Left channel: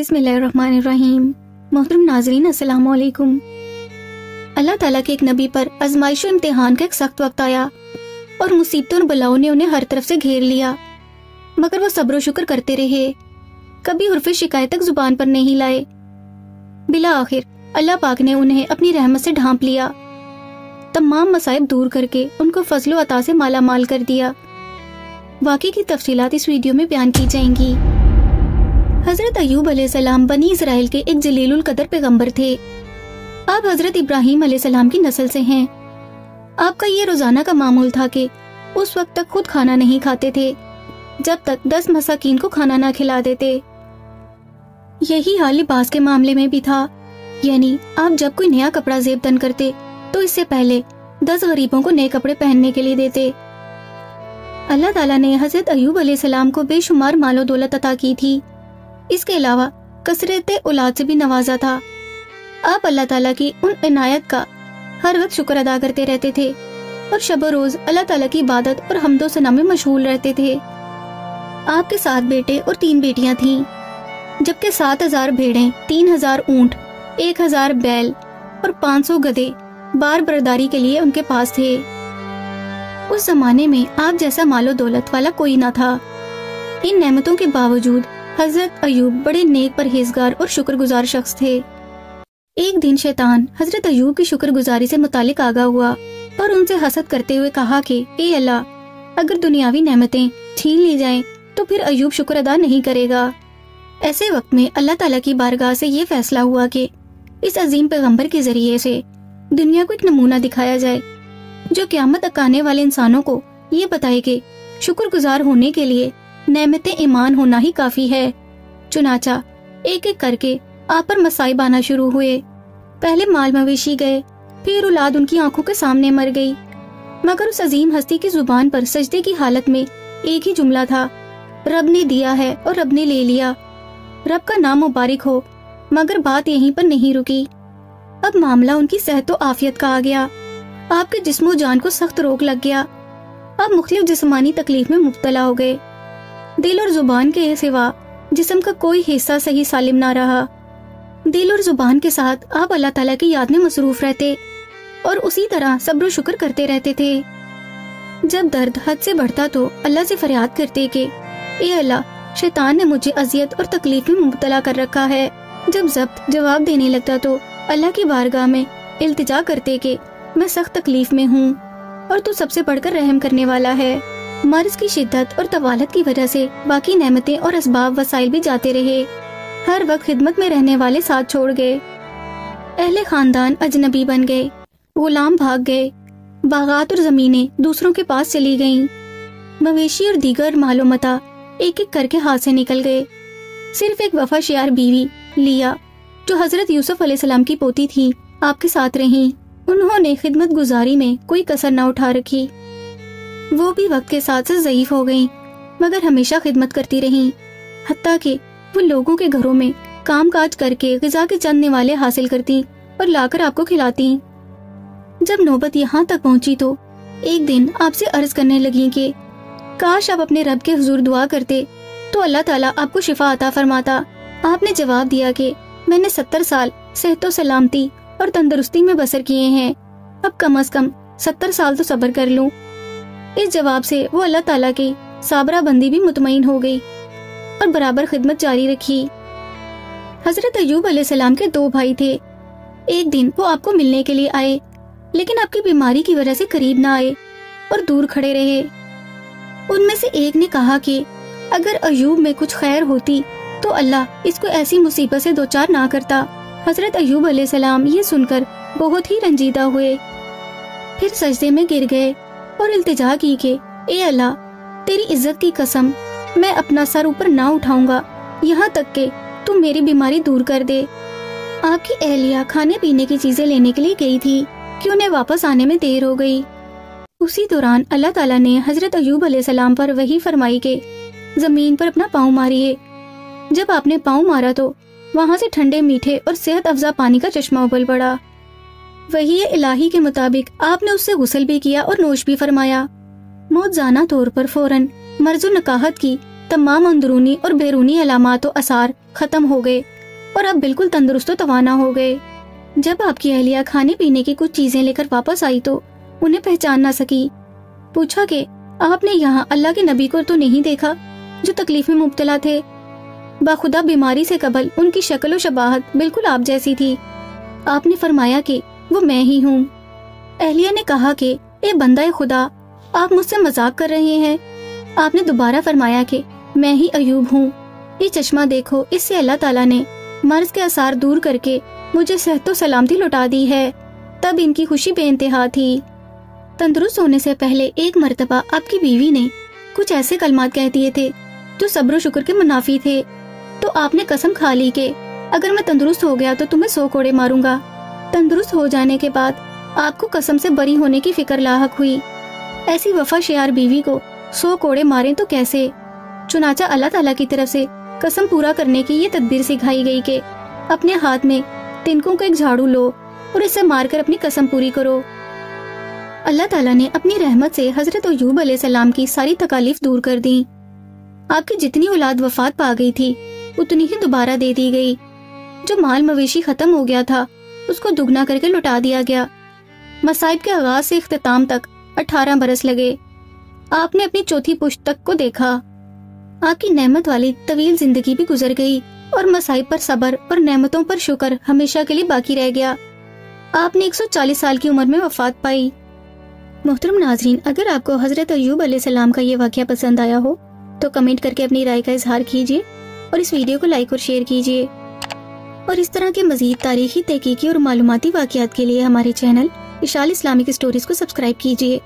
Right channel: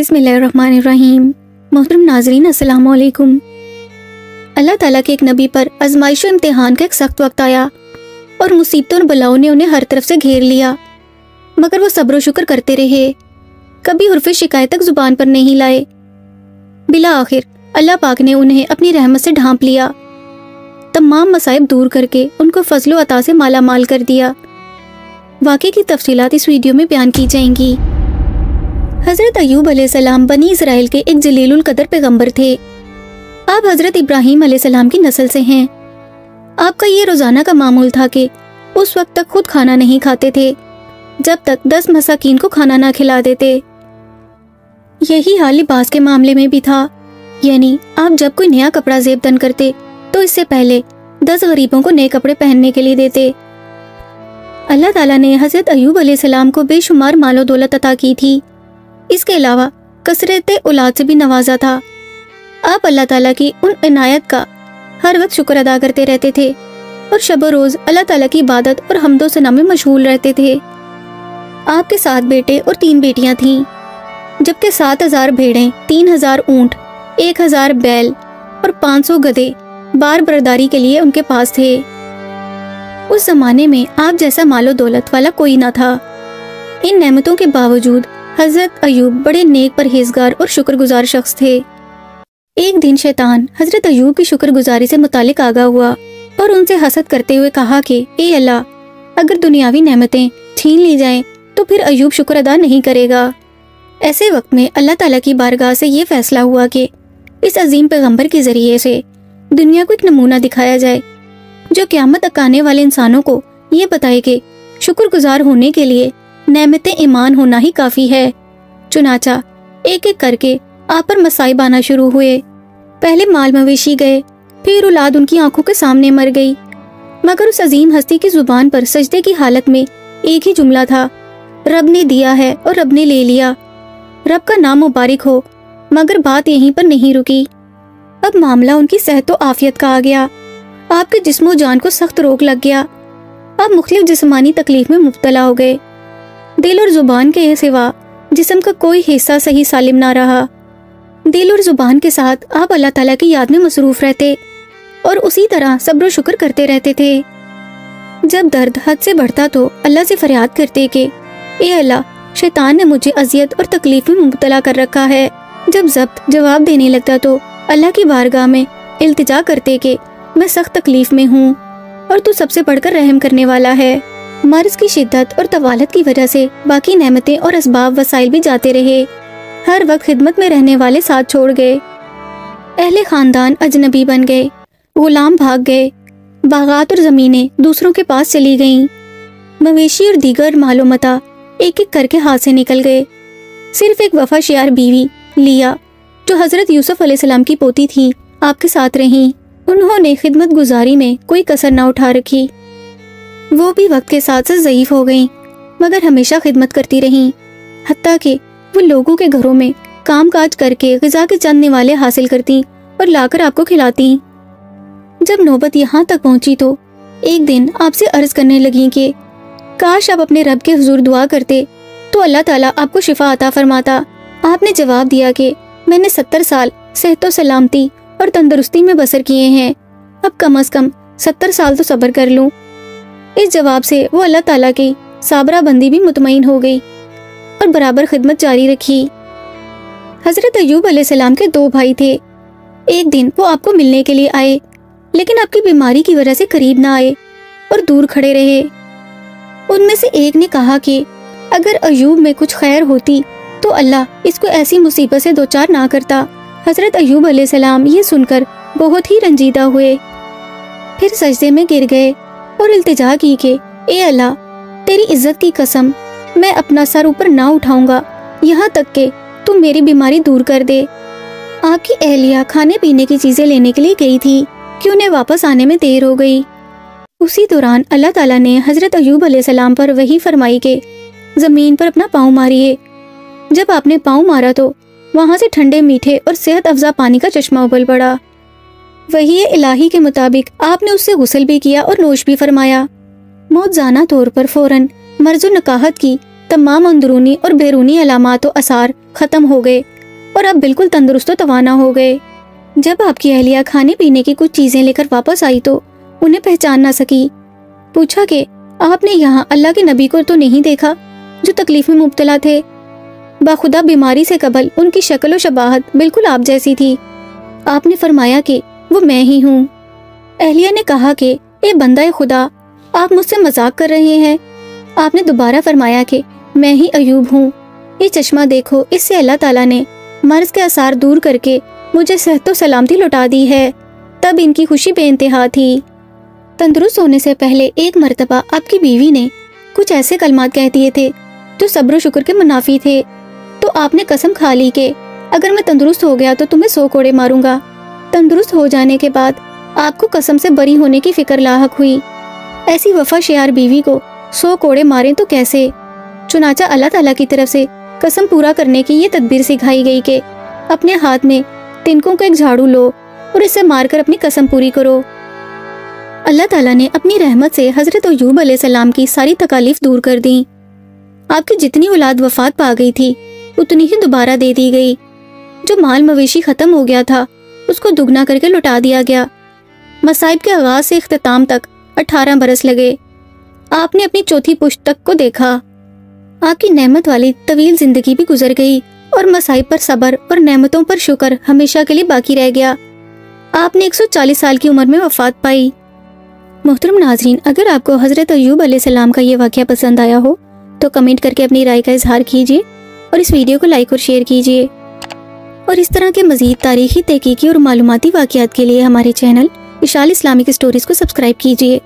بسم اللہ الرحمن الرحیم۔ محترم ناظرین السلام علیکم۔ اللہ تعالیٰ کے ایک نبی پر آزمائش و امتحان کا ایک سخت وقت آیا اور مصیبتوں اور بلاؤں نے انہیں ہر طرف سے گھیر لیا، مگر وہ صبر و شکر کرتے رہے، کبھی حرف شکایت تک زبان پر نہیں لائے۔ بالآخر اللہ پاک نے انہیں اپنی رحمت سے ڈھانپ لیا، تمام مصائب دور کر کے ان کو فضل و عطا سے مالا مال کر دیا۔ واقعے کی تفصیلات اس ویڈیو میں بیان کی جائیں گی۔ حضرت ایوب علیہ السلام بنی اسرائیل کے ایک جلیل القدر پیغمبر تھے۔ آپ حضرت ابراہیم علیہ السلام کی نسل سے ہیں۔ آپ کا یہ روزانہ کا معمول تھا کہ اس وقت تک خود کھانا نہیں کھاتے تھے جب تک 10 مساکین کو کھانا نہ کھلا دیتے۔ یہی حال لباس کے معاملے میں بھی تھا، یعنی آپ جب کوئی نیا کپڑا زیب دن کرتے تو اس سے پہلے 10 غریبوں کو نئے کپڑے پہننے کے لیے دیتے۔ اللہ تعالیٰ نے حضرت ایوب علیہ السلام کو بے شمار مال و دولت عطا کی تھی، اس کے علاوہ کثرت اولاد سے بھی نوازا تھا۔ آپ اللہ تعالیٰ کی ان عنایت کا ہر وقت شکر ادا کرتے رہتے تھے اور شب و روز اللہ تعالیٰ کی عبادت اور حمد و ثنا میں مشغول رہتے تھے۔ آپ کے 7 بیٹے اور 3 بیٹیاں تھیں، جبکہ 7000 بھیڑیں، 3000 اونٹ، 1000 بیل اور 500 گدھے بار برداری کے لیے ان کے پاس تھے۔ اس زمانے میں آپ جیسا مال و دولت والا کوئی نہ تھا۔ ان نعمتوں کے باوجود حضرت ایوب بڑے نیک پرہیزگار اور شکر گزار شخص تھے۔ ایک دن شیطان حضرت ایوب کی شکر گزاری سے متعلق آگاہ ہوا اور ان سے حسد کرتے ہوئے کہا کہ اے اللہ، اگر دنیاوی نعمتیں چھین لی جائیں تو پھر ایوب شکر ادا نہیں کرے گا۔ ایسے وقت میں اللہ تعالیٰ کی بارگاہ سے یہ فیصلہ ہوا کہ اس عظیم پیغمبر کے ذریعے سے دنیا کو ایک نمونہ دکھایا جائے جو قیامت تک آنے والے انسانوں کو یہ بتائے کہ شکر گزار ہونے کے لیے نعمت ایمان ہونا ہی کافی ہے۔ چنانچہ ایک ایک کر کے آپ پر مصائب آنا شروع ہوئے۔ پہلے مال مویشی گئے، پھر اولاد ان کی آنکھوں کے سامنے مر گئی، مگر اس عظیم ہستی کی زبان پر سجدے کی حالت میں ایک ہی جملہ تھا، رب نے دیا ہے اور رب نے لے لیا، رب کا نام مبارک ہو۔ مگر بات یہیں پر نہیں رکی، اب معاملہ ان کی صحت و عافیت کا آ گیا۔ آپ کے جسم و جان کو سخت روگ لگ گیا، آپ مختلف جسمانی تکلیف میں مبتلا ہو گئے۔ دل اور زبان کے سوا جسم کا کوئی حصہ صحیح سالم نہ رہا۔ دل اور زبان کے ساتھ آپ اللہ تعالیٰ کی یاد میں مصروف رہتے اور اسی طرح صبر و شکر کرتے رہتے تھے۔ جب درد حد سے بڑھتا تو اللہ سے فریاد کرتے کہ اے اللہ، شیطان نے مجھے اذیت اور تکلیف میں مبتلا کر رکھا ہے۔ جب ضبط جواب دینے لگتا تو اللہ کی بارگاہ میں التجا کرتے کہ میں سخت تکلیف میں ہوں اور تو سب سے بڑھ کر رحم کرنے والا ہے۔ مرض کی شدت اور طوالت کی وجہ سے باقی نعمتیں اور اسباب وسائل بھی جاتے رہے، ہر وقت خدمت میں رہنے والے ساتھ چھوڑ گئے، اہل خاندان اجنبی بن گئے، غلام بھاگ گئے، باغات اور زمینیں دوسروں کے پاس چلی گئیں، مویشی اور دیگر مال و متاع ایک ایک کر کے ہاتھ سے نکل گئے۔ صرف ایک وفا شیار بیوی لیا، جو حضرت یوسف علیہ السلام کی پوتی تھی، آپ کے ساتھ رہیں۔ انہوں نے خدمت گزاری میں کوئی کسر نہ اٹھا رکھی، وہ بھی وقت کے ساتھ سے ضعیف ہو گئیں، مگر ہمیشہ خدمت کرتی رہیں، حتیٰ کہ وہ لوگوں کے گھروں میں کام کاج کر کے غذا کے چند نوالے حاصل کرتی اور لا کر آپ کو کھلاتی۔ جب نوبت یہاں تک پہنچی تو ایک دن آپ سے عرض کرنے لگیں کہ کاش آپ اپنے رب کے حضور دعا کرتے تو اللہ تعالیٰ آپ کو شفا عطا فرماتا۔ آپ نے جواب دیا کہ میں نے 70 سال صحت و سلامتی اور تندرستی میں بسر کیے ہیں، اب کم از کم 70 سال تو صبر کر لوں۔ اس جواب سے وہ اللہ تعالیٰ کی صابرہ بندی بھی مطمئن ہو گئی اور برابر خدمت جاری رکھی۔ حضرت ایوب علیہ السلام کے 2 بھائی تھے۔ ایک دن وہ آپ کو ملنے کے لیے آئے، لیکن آپ کی بیماری کی وجہ سے قریب نہ آئے اور دور کھڑے رہے۔ ان میں سے ایک نے کہا کہ اگر ایوب میں کچھ خیر ہوتی تو اللہ اس کو ایسی مصیبت سے دوچار نہ کرتا۔ حضرت ایوب علیہ السلام یہ سن کر بہت ہی رنجیدہ ہوئے، پھر سجدے میں گر گئے اور التجا کی کہ اے اللہ، تیری عزت کی قسم، میں اپنا سر اوپر نہ اٹھاؤں گا یہاں تک کہ تو میری بیماری دور کر دے۔ آپ کی اہلیہ کھانے پینے کی چیزیں لینے کے لیے گئی تھی کہ انہیں واپس آنے میں دیر ہو گئی۔ اسی دوران اللہ تعالیٰ نے حضرت ایوب علیہ السلام پر وحی فرمائی کہ زمین پر اپنا پاؤں ماریے۔ جب آپ نے پاؤں مارا تو وہاں سے ٹھنڈے میٹھے اور صحت افزا پانی کا چشمہ ابل پڑا۔ وحی الہی کے مطابق آپ نے اس سے غسل بھی کیا اور نوش بھی فرمایا۔ موجزانہ طور پر فوراً مرض و نکاہت کی تمام اندرونی اور بیرونی علامات و آثار ختم ہو گئے اور اب بالکل تندرست و توانا ہو گئے۔ جب آپ کی اہلیہ کھانے پینے کی کچھ چیزیں لے کر واپس آئی تو انہیں پہچان نہ سکی۔ پوچھا کہ آپ نے یہاں اللہ کے نبی کو تو نہیں دیکھا جو تکلیف میں مبتلا تھے؟ باخدا بیماری سے قبل ان کی شکل و شباہت بالکل آپ جیسی تھی۔ آپ نے فرمایا کہ وہ میں ہی ہوں۔ اہلیہ نے کہا کہ اے بندہ خدا، آپ مجھ سے مذاق کر رہے ہیں۔ آپ نے دوبارہ فرمایا کہ میں ہی ایوب ہوں۔ یہ چشمہ دیکھو، اس سے اللہ تعالیٰ نے مرض کے آثار دور کر کے مجھے صحت و سلامتی لوٹا دی ہے۔ تب ان کی خوشی بے انتہا تھی۔ تندرست ہونے سے پہلے ایک مرتبہ آپ کی بیوی نے کچھ ایسے کلمات کہہ دیے تھے جو صبر و شکر کے منافی تھے، تو آپ نے قسم کھا لی کہ اگر میں تندرست ہو گیا تو تمہیں 100 کوڑے ماروں گا۔ تندرست ہو جانے کے بعد آپ کو قسم سے بری ہونے کی فکر لاحق ہوئی۔ ایسی وفا شیار بیوی کو 100 کوڑے ماریں تو کیسے؟ چنانچہ اللہ تعالیٰ کی طرف سے قسم پورا کرنے کی یہ تدبیر سکھائی گئی کہ اپنے ہاتھ میں تنکوں کا ایک جھاڑو لو اور اسے مار کر اپنی قسم پوری کرو۔ اللہ تعالیٰ نے اپنی رحمت سے حضرت ایوب علیہ السلام کی ساری تکالیف دور کر دیں۔ آپ کی جتنی اولاد وفات پا گئی تھی اتنی ہی دوبارہ دے دی گئی۔ جو مال مویشی ختم ہو گیا تھا اس کو دگنا کر کے لوٹا دیا گیا۔ مصائب کے آغاز سے اختتام تک 18 برس لگے۔ آپ نے اپنی چوتھی پشت تک کو دیکھا۔ آپ کی نعمت والی طویل زندگی بھی گزر گئی اور مصائب پر صبر اور نعمتوں پر شکر ہمیشہ کے لیے باقی رہ گیا۔ آپ نے 140 سال کی عمر میں وفات پائی۔ محترم ناظرین، اگر آپ کو حضرت ایوب علیہ السلام کا یہ واقعہ پسند آیا ہو تو کمنٹ کر کے اپنی رائے کا اظہار کیجیے اور اس ویڈیو کو لائک اور شیئر کیجیے۔ اور اس طرح کے مزید تاریخی، تحقیقی اور معلوماتی واقعات کے لیے ہمارے چینل اشال اسلامک اسٹوریز کو سبسکرائب کیجیے۔